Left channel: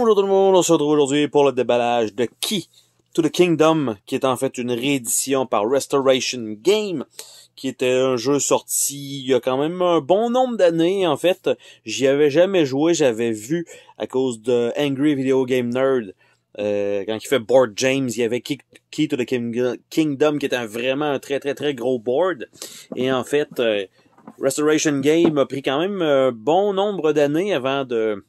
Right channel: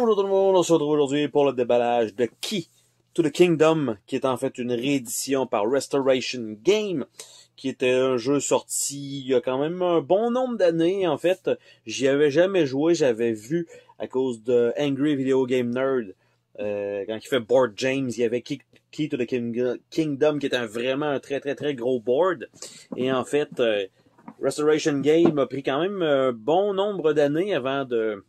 Bonjour tout le monde, on se retrouve aujourd'hui pour le déballage de Key to the Kingdom, qui est en fait une réédition par Restoration Game, qui était un jeu sorti il y a quand même un bon nombre d'années. En fait, j'y avais jamais joué, j'avais vu à cause de Angry Video Game Nerd, quand il fait Board James, il y avait Key to the Kingdom, qui était vraiment un très gros board. Et en fait, Restoration Game a pris quand même un bon nombre d'années avant de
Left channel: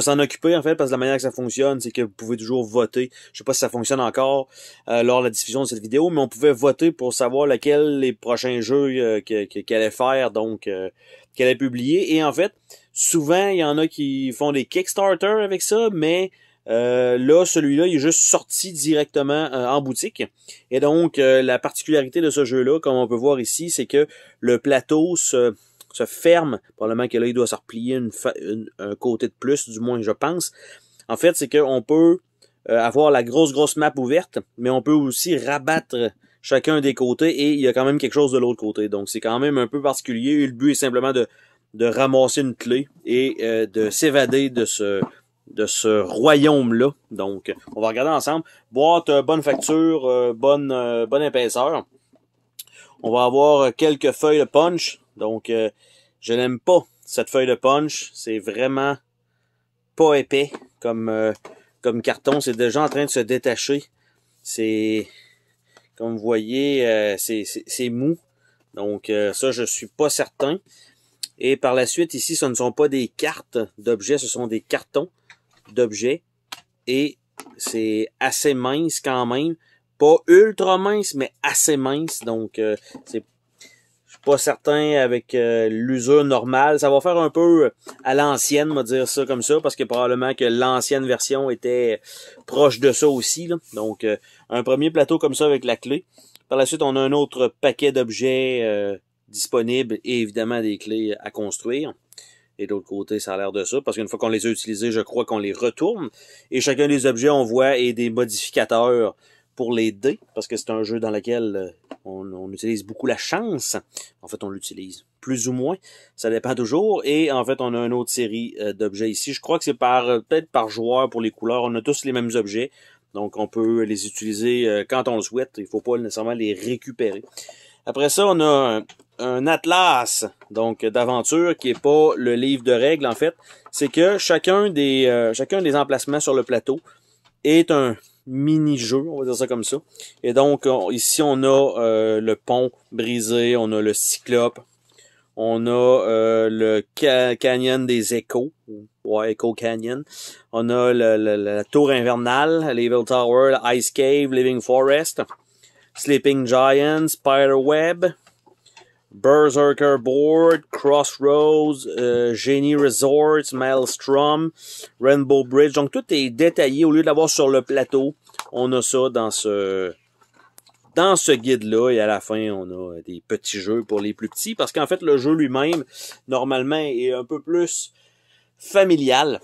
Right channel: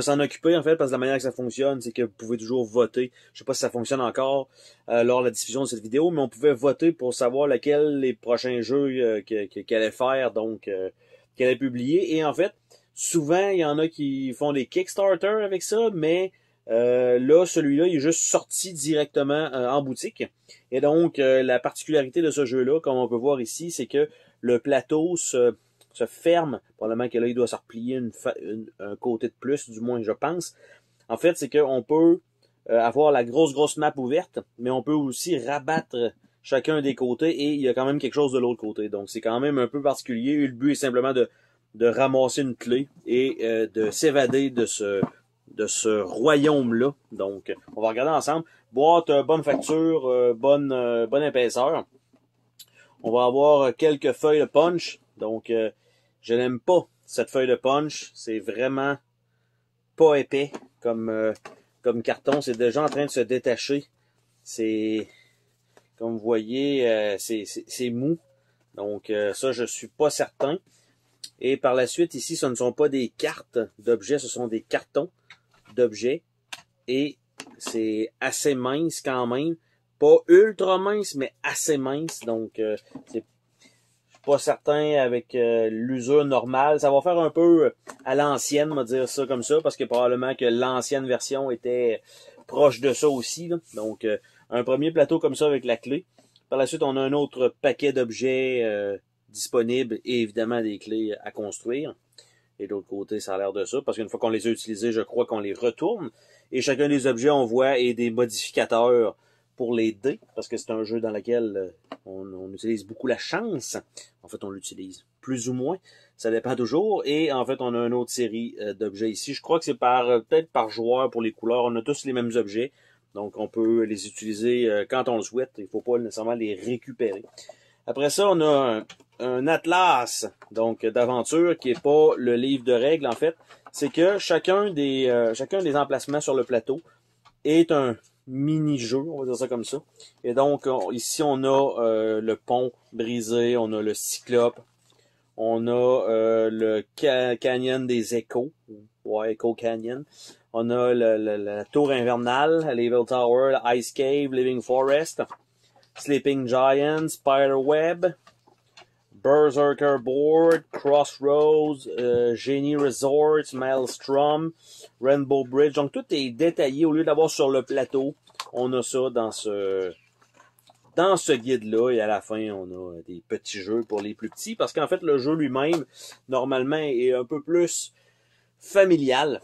s'en occuper, en fait, parce que la manière que ça fonctionne, c'est que vous pouvez toujours voter. Je sais pas si ça fonctionne encore lors de la diffusion de cette vidéo, mais on pouvait voter pour savoir lequel les prochains jeux qu'elle allait faire, donc qu'elle allait publier. Et en fait, souvent, il y en a qui font des Kickstarter avec ça, mais là, celui-là, il est juste sorti directement en boutique. Et donc, la particularité de ce jeu-là, comme on peut voir ici, c'est que le plateau se ferme. Probablement que là, il doit se replier un côté de plus, du moins, je pense. En fait, c'est qu'on peut avoir la grosse map ouverte, mais on peut aussi rabattre chacun des côtés et il y a quand même quelque chose de l'autre côté. Donc, c'est quand même un peu particulier. Et le but est simplement de ramasser une clé et de s'évader de ce royaume-là. Donc, on va regarder ensemble. Boîte, bonne facture, bonne épaisseur. On va avoir quelques feuilles de punch. Donc, je n'aime pas cette feuille de punch. C'est vraiment pas épais comme carton. C'est déjà en train de se détacher. C'est, comme vous voyez, c'est mou. Donc, ça, je suis pas certain. Et par la suite, ici, ce ne sont pas des cartes d'objets, ce sont des cartons d'objets. Et c'est assez mince quand même. Pas ultra mince, mais assez mince. Donc, c'est pas certain avec l'usure normale. Ça va faire un peu à l'ancienne, on va dire ça comme ça, parce que probablement que l'ancienne version était proche de ça aussi. Là. Donc, un premier plateau comme ça avec la clé. Par la suite, on a un autre paquet d'objets disponibles et évidemment des clés à construire. Et de l'autre côté, ça a l'air de ça, parce qu'une fois qu'on les a utilisés, je crois qu'on les retourne. Et chacun des objets, on voit, est des modificateurs pour les dés, parce que c'est un jeu dans lequel on utilise beaucoup la chance. En fait, on l'utilise plus ou moins, ça dépend toujours. Et en fait, on a une autre série d'objets ici. Je crois que c'est peut-être par joueur pour les couleurs. On a tous les mêmes objets, donc on peut les utiliser quand on le souhaite. Il ne faut pas nécessairement les récupérer. Après ça, on a un atlas donc d'aventure qui est pas le livre de règles en fait. C'est que chacun des emplacements sur le plateau est un mini-jeu, on va dire ça comme ça. Et donc, ici, on a le pont brisé, on a le cyclope, on a le canyon des échos, ouais, Echo Canyon. On a la tour invernale, l'Evil Tower, l'Ice Cave, Living Forest, Sleeping Giant, Spiderweb, Berserker Board, Crossroads, Genie Resorts, Maelstrom, Rainbow Bridge. Donc, tout est détaillé. Au lieu de l'avoir sur le plateau, on a ça dans ce guide-là. Et à la fin, on a des petits jeux pour les plus petits. Parce qu'en fait, le jeu lui-même, normalement, est un peu plus familial.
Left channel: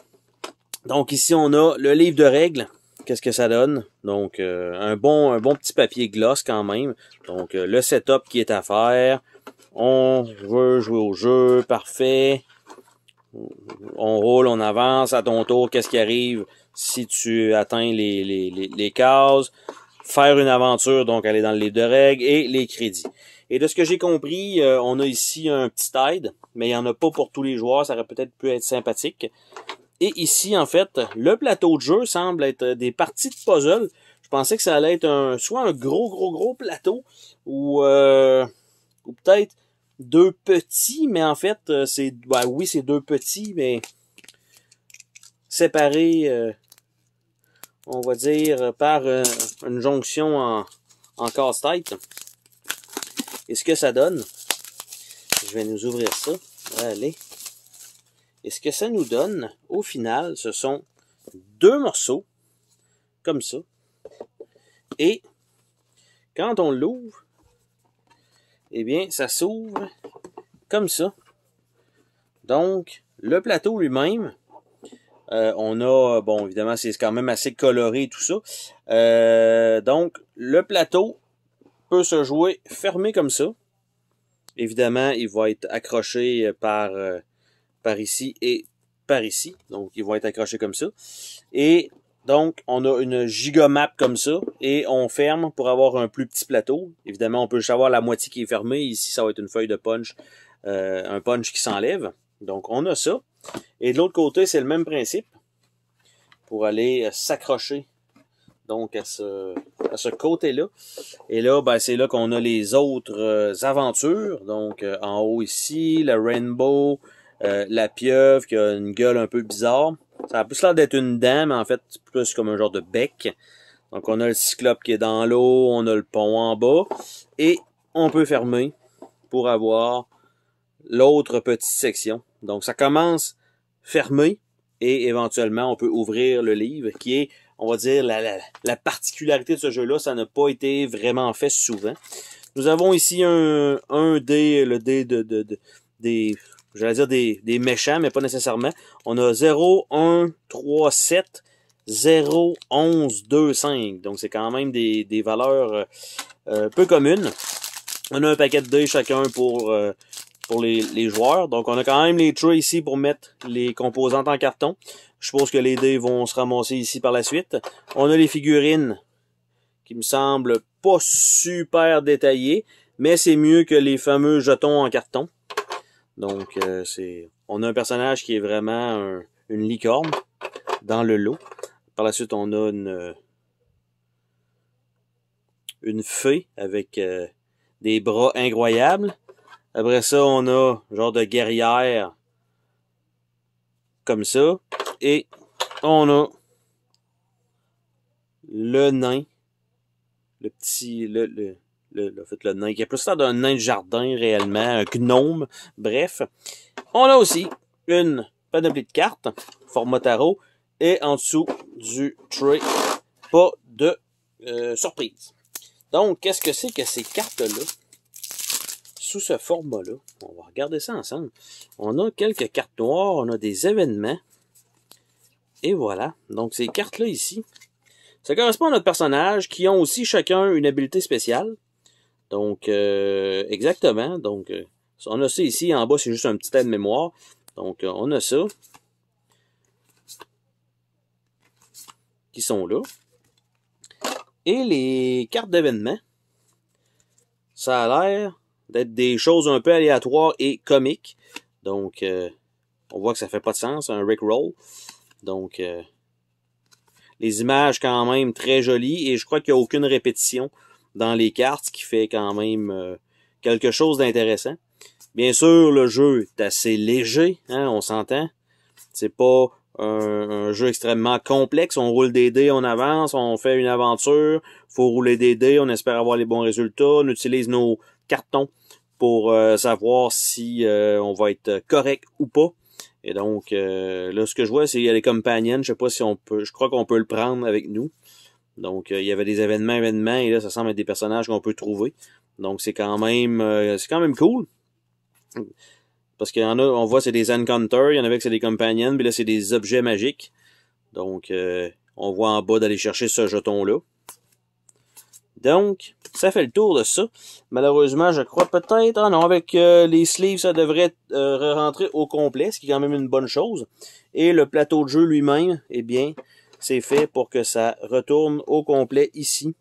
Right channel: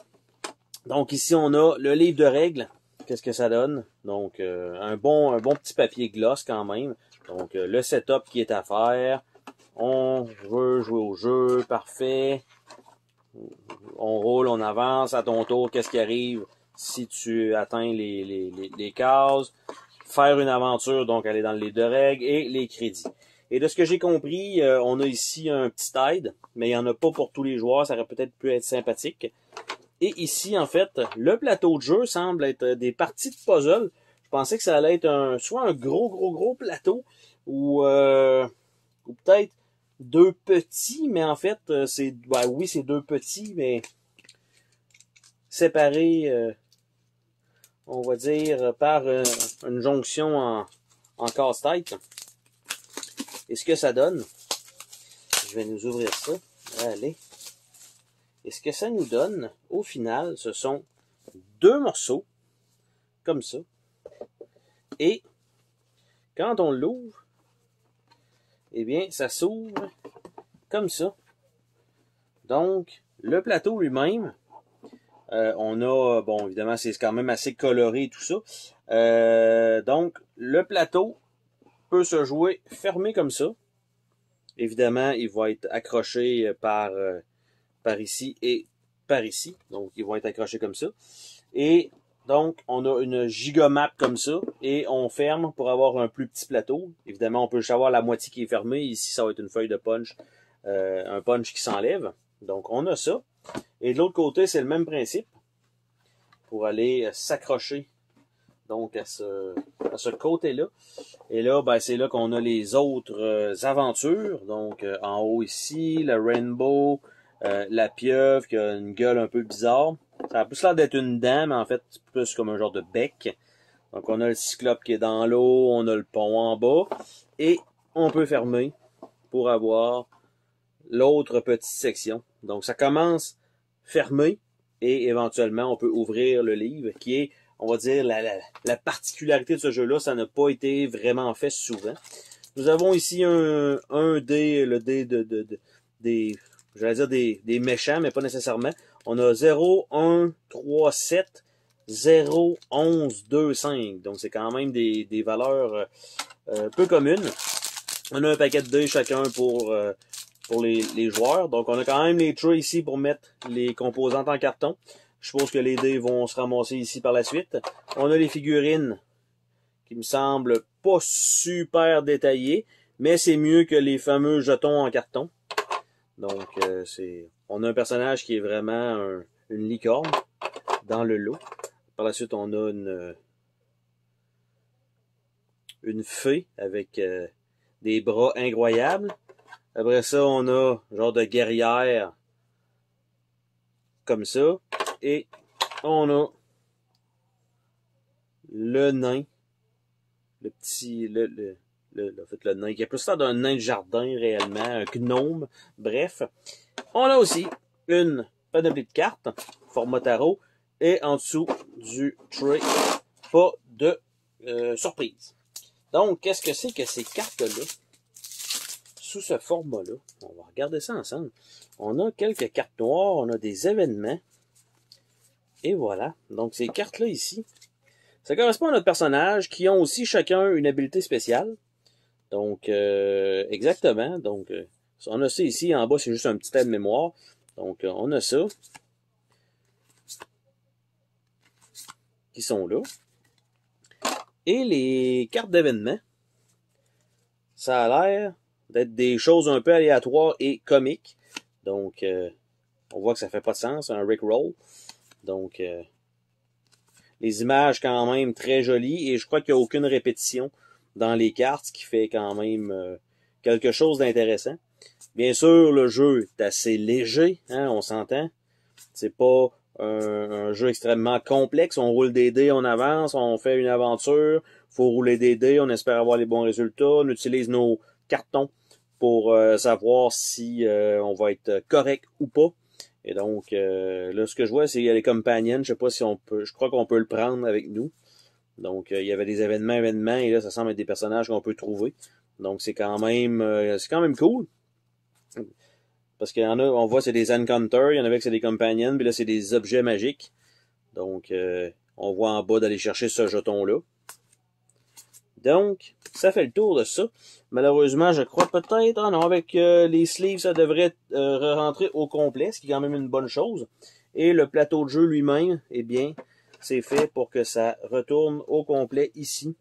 Donc, ici, on a le livre de règles. Qu'est-ce que ça donne? Donc, un bon petit papier gloss quand même. Donc, le setup qui est à faire. On veut jouer au jeu, parfait. On roule, on avance, à ton tour, qu'est-ce qui arrive si tu atteins les cases. Faire une aventure, donc aller dans le livre de règles et les crédits. Et de ce que j'ai compris, on a ici un petit aide, mais il n'y en a pas pour tous les joueurs, ça aurait peut-être pu être sympathique. Et ici, en fait, le plateau de jeu semble être des parties de puzzle. Je pensais que ça allait être soit un gros plateau, ou peut-être deux petits, mais en fait, oui, c'est deux petits, mais séparés, on va dire, par une jonction en casse-tête. Et ce que ça donne, je vais nous ouvrir ça. Allez. Et ce que ça nous donne, au final, ce sont deux morceaux, comme ça. Et quand on l'ouvre, eh bien, ça s'ouvre comme ça. Donc, le plateau lui-même, on a, bon, évidemment, c'est quand même assez coloré tout ça. Donc, le plateau peut se jouer fermé comme ça. Évidemment, il va être accroché par ici et par ici. Donc, ils vont être accrochés comme ça. Et donc, on a une gigamap comme ça. Et on ferme pour avoir un plus petit plateau. Évidemment, on peut juste avoir la moitié qui est fermée. Ici, ça va être une feuille de punch. Un punch qui s'enlève. Donc, on a ça. Et de l'autre côté, c'est le même principe. Pour aller s'accrocher donc à ce côté-là. Et là, ben, c'est là qu'on a les autres aventures. Donc, en haut ici, le Rainbow, la pieuvre qui a une gueule un peu bizarre. Ça a plus l'air d'être une dent, mais en fait, c'est plus comme un genre de bec. Donc, on a le cyclope qui est dans l'eau, on a le pont en bas. Et on peut fermer pour avoir l'autre petite section. Donc, ça commence fermé et éventuellement, on peut ouvrir le livre qui est, on va dire, la particularité de ce jeu-là. Ça n'a pas été vraiment fait souvent. Nous avons ici le dé des, j'allais dire des méchants, mais pas nécessairement. On a 0, 1, 3, 7, 0, 11, 2, 5. Donc, c'est quand même des valeurs peu communes. On a un paquet de dés chacun pour les joueurs. Donc, on a quand même les trays ici pour mettre les composantes en carton. Je suppose que les dés vont se ramasser ici par la suite. On a les figurines qui me semblent pas super détaillées, mais c'est mieux que les fameux jetons en carton. Donc, on a un personnage qui est vraiment une licorne dans le lot. Par la suite, on a une fée avec des bras incroyables. Après ça, on a genre de guerrière comme ça. Et on a le nain. Le petit... En fait, le nain qui a plus l'air d'un nain de jardin réellement. Un gnome. Bref. On a aussi une panoplie de cartes. Format tarot. Et en dessous du tray, pas de surprise. Donc, qu'est-ce que c'est que ces cartes-là? Sous ce format-là, on va regarder ça ensemble. On a quelques cartes noires, on a des événements. Et voilà. Donc, ces cartes-là ici, ça correspond à notre personnage qui ont aussi chacun une habilité spéciale. Donc, exactement. Donc, on a ça ici. En bas, c'est juste un petit aide-mémoire. Donc, on a ça. Qui sont là. Et les cartes d'événements, ça a l'air d'être des choses un peu aléatoires et comiques. Donc, on voit que ça fait pas de sens, un Rickroll. Donc, les images quand même très jolies. Et je crois qu'il n'y a aucune répétition dans les cartes, ce qui fait quand même quelque chose d'intéressant. Bien sûr, le jeu est assez léger, hein, on s'entend. C'est pas un jeu extrêmement complexe. On roule des dés, on avance, on fait une aventure. Faut rouler des dés, on espère avoir les bons résultats. On utilise nos cartons pour savoir si on va être correct ou pas. Et donc, là, ce que je vois, c'est qu'il y a les companions. Je sais pas si on peut... Je crois qu'on peut le prendre avec nous. Donc, il y avait des événements, et là, ça semble être des personnages qu'on peut trouver. Donc, c'est quand même cool. Parce qu'il y en a, on voit, c'est des encounters, il y en avait que c'est des companions, puis là, c'est des objets magiques. Donc, on voit en bas d'aller chercher ce jeton-là. Donc, ça fait le tour de ça. Malheureusement, je crois peut-être, non, avec les sleeves, ça devrait rentrer au complet, ce qui est quand même une bonne chose. Et le plateau de jeu lui-même, eh bien, c'est fait pour que ça retourne au complet ici,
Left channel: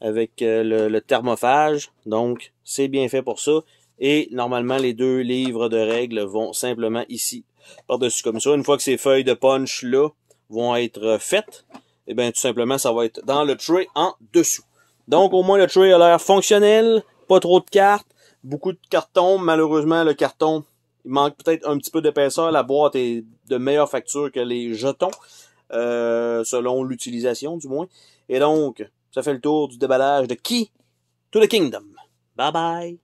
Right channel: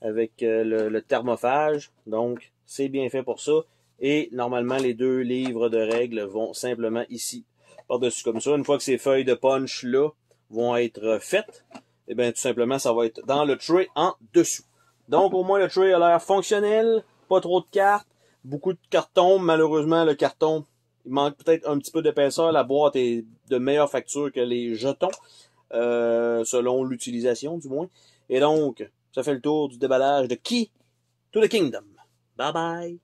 avec le thermophage. Donc, c'est bien fait pour ça. Et normalement, les deux livres de règles vont simplement ici, par-dessus comme ça. Une fois que ces feuilles de punch-là vont être faites, eh bien, tout simplement, ça va être dans le tray en dessous. Donc, au moins, le tray a l'air fonctionnel, pas trop de cartes, beaucoup de cartons. Malheureusement, le carton, il manque peut-être un petit peu d'épaisseur. La boîte est de meilleure facture que les jetons, selon l'utilisation, du moins. Et donc, ça fait le tour du déballage de Key to the Kingdom. Bye bye!